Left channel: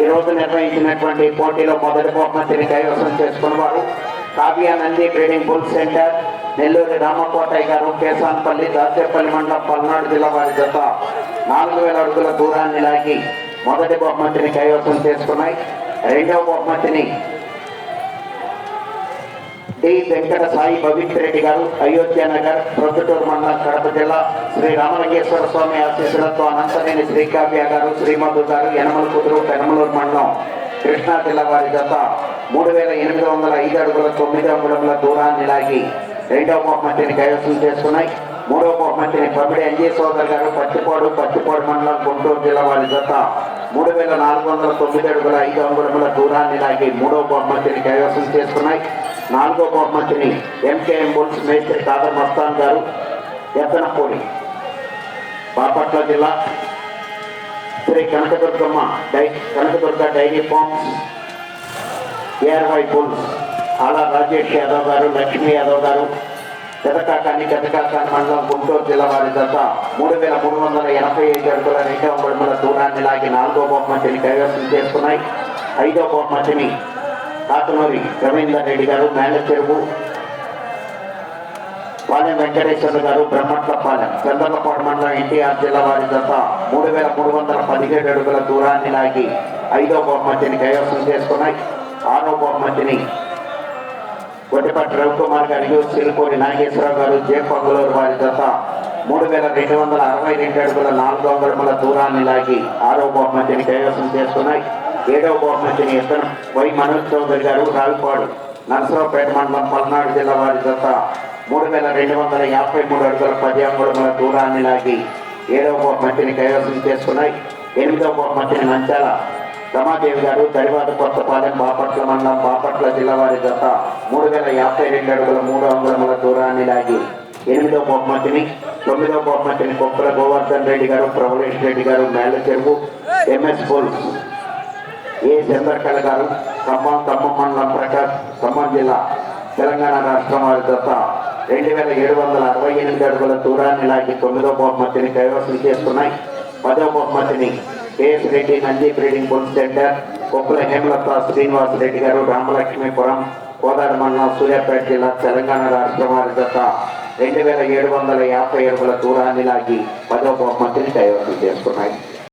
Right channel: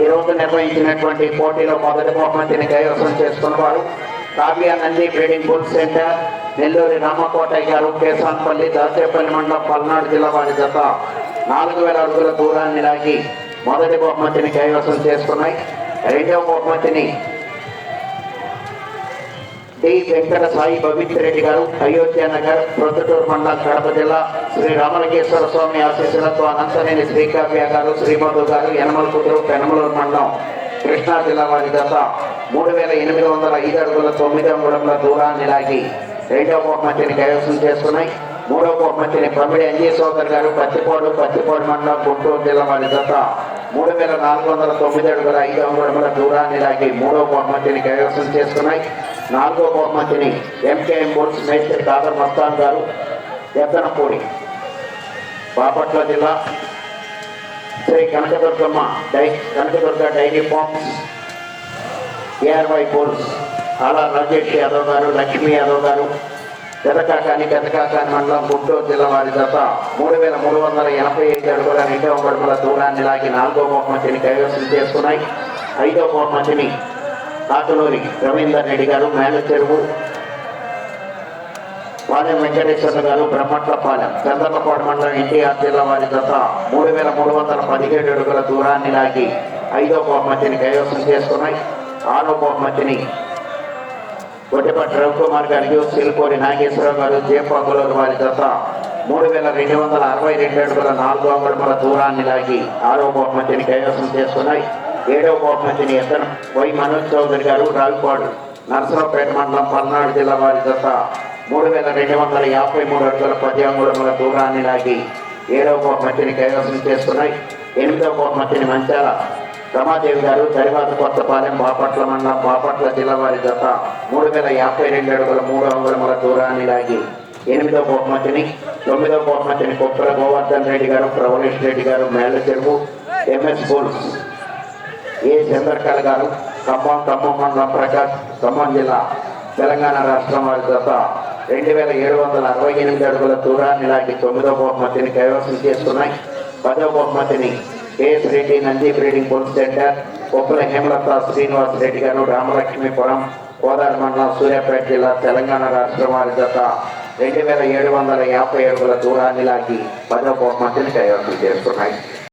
ఈ రోజు నిర్వహించినటువంటి పోటీలో మొదటి బహుమతిని కైవసం చేసుకున్న వారు Kavya Nandi trading bull centre, Nellore Ramakotaiah గారు, కేసాన్పల్లి, దాచేపల్లి మండలం, పల్నాడు జిల్లా వారి జత 4000 అడుగుల దూరాన్ని లాగి మొదటి బహుమతిని కైవసం చేసుకున్నాయి. రెండవ బహుమతిని డి వెంకట సాయి పవిత్ర రెడ్డి గారు, అయోధ్య నగర్, ప్రొద్దుటూరు మండలం, కడప జిల్లా, శ్రీ రామలింగేశ్వర స్వామి ఆశీస్సులతో అనంతనేని శ్రీకావ్య గారు, శ్రీమధు గారు, యనమల కుదురు, పెనమలూరు మండలం, కృష్ణా జిల్లా వారి జత 3805 అడుగుల 9 అంగుళముల దూరాన్ని లాగి రెండవ బహుమతిని కైవసం చేసుకున్నాయి. మూడవ బహుమతిని కమిడి అంజీ సోదర్ గారు, పత్తిపాడు మండలం, గుంటూరు జిల్లా వారి జత 3409 అడుగుల 5 అంగుళముల దూరాన్ని లాగి మూడవ బహుమతిని కైవసం చేసుకున్నాయి. నాలుగో బహుమతిని ఎంకేఎం బోర్డ్స్ మేస్త్రి కాదర్ మస్తాన్ గారు, ఎత్తనపూడి, బాపట్ల జిల్లా, Shri Kanakadurga dairy farms, ARY bowls, Ala Rajesh Yadav గారు, లక్ష్మీ యాదవ్ గారు, పెదకాకాని మండలం, గుంటూరు జిల్లా వారి జత 3385 అడుగుల 2 అంగుళముల దూరాన్ని లాగి నాలుగో బహుమతిని కైవసం చేసుకున్నాయి. ఐదో బహుమతిని కాటునూరి రవీందర్ రెడ్డి గారు, మేనచెరువు, పాలెం వెంకటేశ్వర గారు, బ్రహ్మట్లపాలెం, చంద్రకపాడు మండలం, ఎన్టీఆర్ జిల్లా వారి జత 3317 అడుగుల దూరాన్ని లాగి ఐదో బహుమతిని కైవసం చేసుకున్నాయి. ఆరో బహుమతిని కొద్దిపట్టి రవికుమార్ గారు, సిరిపోడి నాగేశ్వరరావు గారు, జేపంగులూరు వారి జత 3262 అడుగుల 4 అంగుళముల దూరాన్ని లాగి ఆరో బహుమతిని కైవసం చేసుకున్నాయి. ఏడవ బహుమతిని వై మనోజ్ చౌదరి గారు, రావిపాడు, నర్సరావుపేట మండలం, పల్నాడు జిల్లా వారి జత 3253 అడుగుల 10 అంగుళముల దూరాన్ని లాగి ఏడవ బహుమతిని కైవసం చేసుకున్నాయి. ఎనిమిదవ బహుమతిని మంచాల రమాదేవి గారు, జరివాద కొత్తపాలెం, బాపట్ల మండలం, బాపట్ల జిల్లా వారి జత 3052 అడుగుల 3 అంగుళముల దూరాన్ని లాగి ఎనిమిదవ బహుమతిని. తొమ్మిదవ బహుమతిని కుప్పల గోవర్ధన్ రెడ్డి గారు, ప్రవలేష్ రెడ్డి గారు, మేలచెరువు, ఎంఎస్ బోల్స్, ఏ చంద్రకళ గారు, ఖమ్మం మండలం, ప్రకాశ్, ఖమ్మం జిల్లా, తెలంగాణ రాష్ట్రం వారి జత 2768 అడుగుల దూరాన్ని లాగి 9వ బహుమతిని కైవసం చేసుకున్నాయి. 10వ బహుమతిని K S Reddy Nandi trading bull centre, Kuppala Hemalatha Srinivas Reddy గారు, రామలక్ష్మీపురం, కోదాడు మండలం, సూర్యాపేట జిల్లా, తెలంగాణ రాష్ట్రం వారి జత 2750 అడుగుల దూరాన్ని లాగి 10వ బహుమతిని కైవసం చేసుకున్నాయి.